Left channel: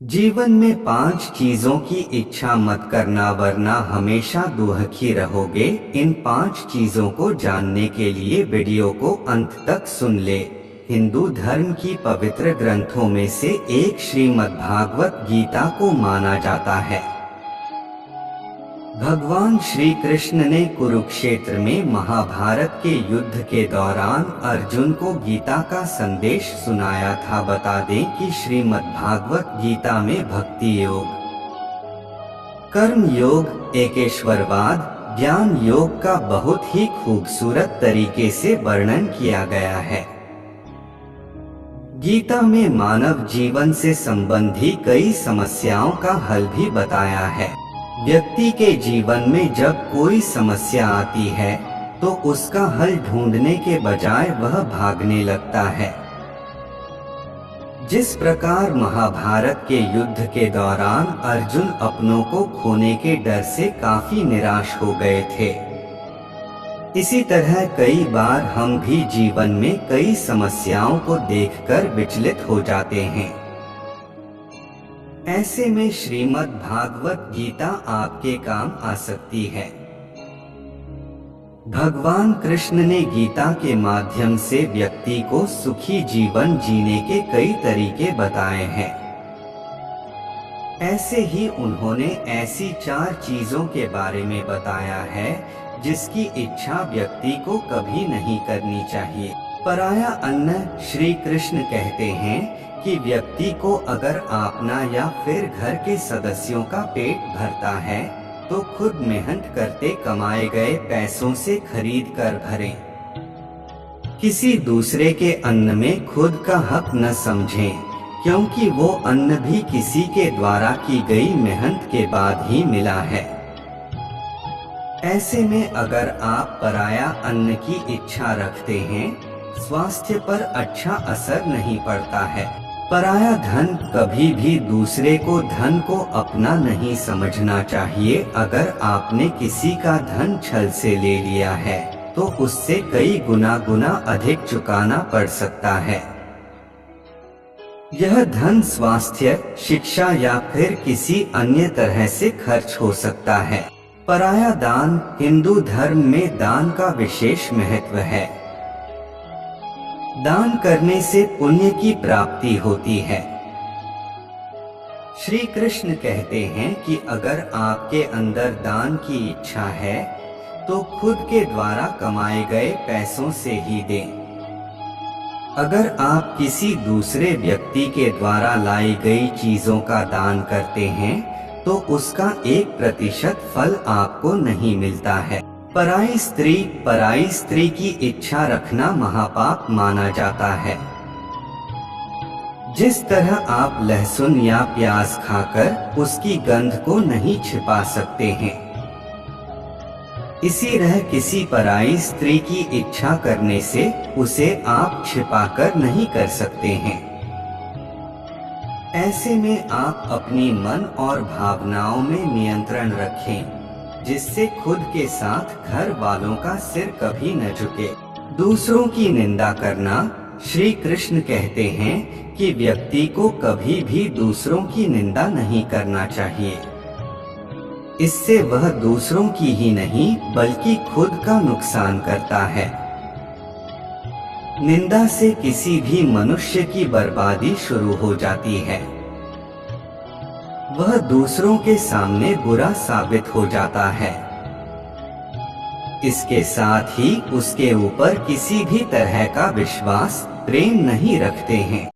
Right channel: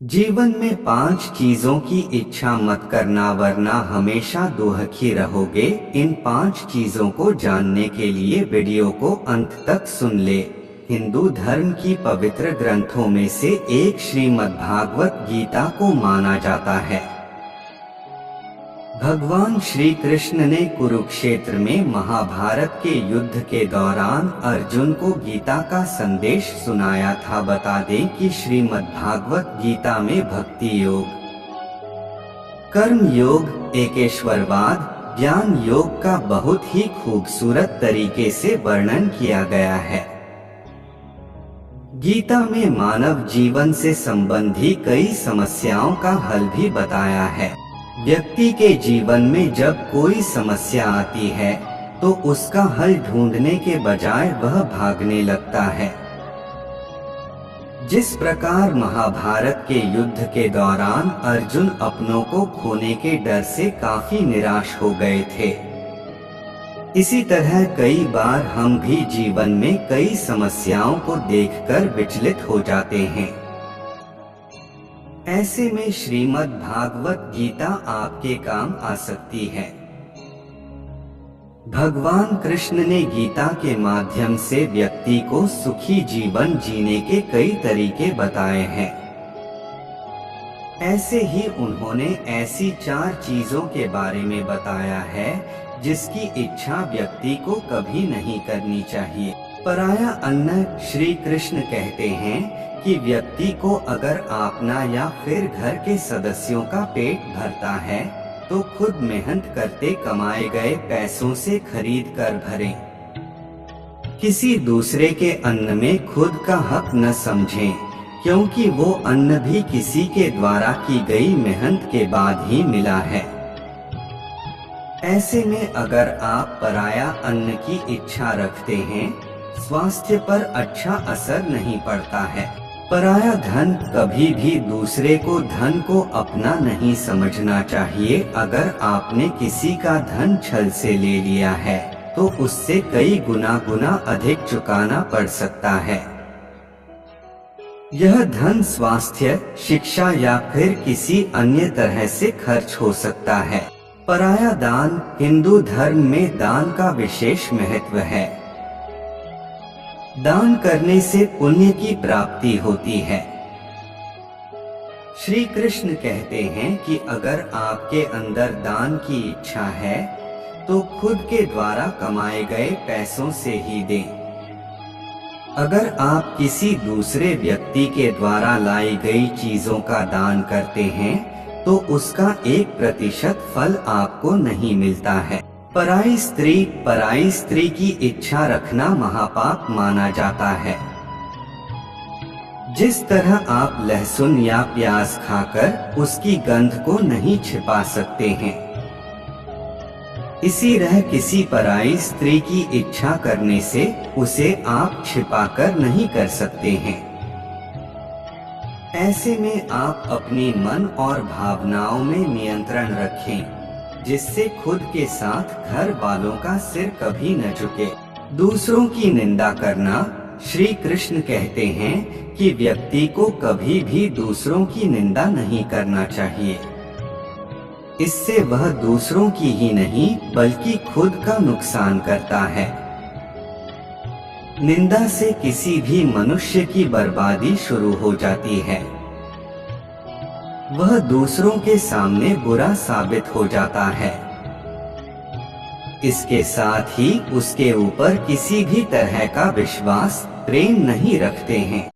जीवन में 5 चीजों की इच्छा मत करना वरना हमेशा दुखी रहोगे। इन 5 चीजों को जानने के लिए वीडियो को अंत तक सुन ले। हिंदू धर्म की पवित्र ग्रंथों में से एक श्रीमद्भागवत गीता को माना जाता है। भगवान श्री कृष्ण ने कुरुक्षेत्र में महाभारत के युद्ध के दौरान अर्जुन को गीता का संदेश सुनाया था। बता दें कि श्रीमद्भागवत गीता में भक्ति योग, कर्म योग, एकेश्वरवाद, ज्ञान योग का बहुत ही खूबसूरत तरीके से वर्णन किया गया है। गीता में मानव जीवन से संबंधी कई समस्याओं का हल भी बताया है। व्यक्ति के जीवन में जब कोई समस्या आती है तो उसका हल ढूंढने के बजाय वह भागने लगता है। जिस प्रकार महाभारत के युद्ध के दौरान अर्जुन अपनों को खोने के डर से काफी निराश हो गए थे, इसी तरह कई बार हम भी जीवन में कई समस्याओं को देखकर विचलित हो जाते हैं। ऐसे में श्रीमद् भागवत गीता आपके काम आ सकती है। भगवान कृष्ण ने गीता के माध्यम से व्यक्ति को सुखी जीवन जीने के कई तरीके बताए हैं। ऐसे ही उन्होंने ऐसी 4 चीजों के बारे में बताया है जिसकी इच्छा व्यक्ति को कभी नहीं करनी चाहिए। पराया अन्न। श्री कृष्ण कहते हैं कि व्यक्ति को अगर अपना या फिर घर के सदस्यों का पेट भरता है तो खुद मेहनत करते कमाए गए पैसों से खरीद कर भरें। किसी दूसरे के अन्न में खुद का हक न समझें, क्योंकि वो अन्न भी किसी के द्वारा की गई मेहनत के बाद ही मिला है। ऐसे में अगर आप पराया अन्न की इच्छा रखते हैं, स्वास्थ्य पर अच्छा असर नहीं पड़ता है। पराया धन। कभी भी दूसरे को धन को अपना नहीं समझना चाहिए। अगर आपने किसी का धन छल से ले लिया है तो उससे कई गुना अधिक चुकाना पड़ सकता है। यह धन स्वास्थ्य, शिक्षा या फिर किसी अन्य तरह से खर्च हो सकता है। पराया दान। हिंदू धर्म में दान का विशेष महत्व है। दान करने से पुण्य की प्राप्ति होती है। श्री कृष्ण कहते हैं कि अगर आपके अंदर दान की इच्छा है तो खुद के द्वारा कमाए गए पैसों से ही दें। अगर आप किसी दूसरे व्यक्ति के द्वारा लाई गई चीजों का दान करते हैं तो उसका 1% फल आपको नहीं मिलता है। पराई स्त्री की इच्छा रखना महापाप माना जाता है। जिस तरह आप लहसुन या प्याज खाकर उसकी गंध को नहीं छिपा सकते हैं, इसी तरह किसी पराई स्त्री की इच्छा करने से उसे आप छिपाकर नहीं कर सकते हैं। ऐसे में आप अपनी मन और भावनाओं में नियंत्रण रखें, जिससे खुद के साथ घर वालों का सिर कभी न झुके। दूसरों की निंदा करना। श्री कृष्ण कहते हैं कि व्यक्ति को कभी भी दूसरों की निंदा नहीं करना चाहिए। इससे वह दूसरों की ही नहीं बल्कि खुद का नुकसान करता है। निंदा से किसी भी मनुष्य की बर्बादी शुरू हो जाती है। वह दूसरों के सामने बुरा साबित हो जाता है। इसके साथ ही उसके ऊपर किसी भी तरह का विश्वास, प्रेम नहीं रखते हैं।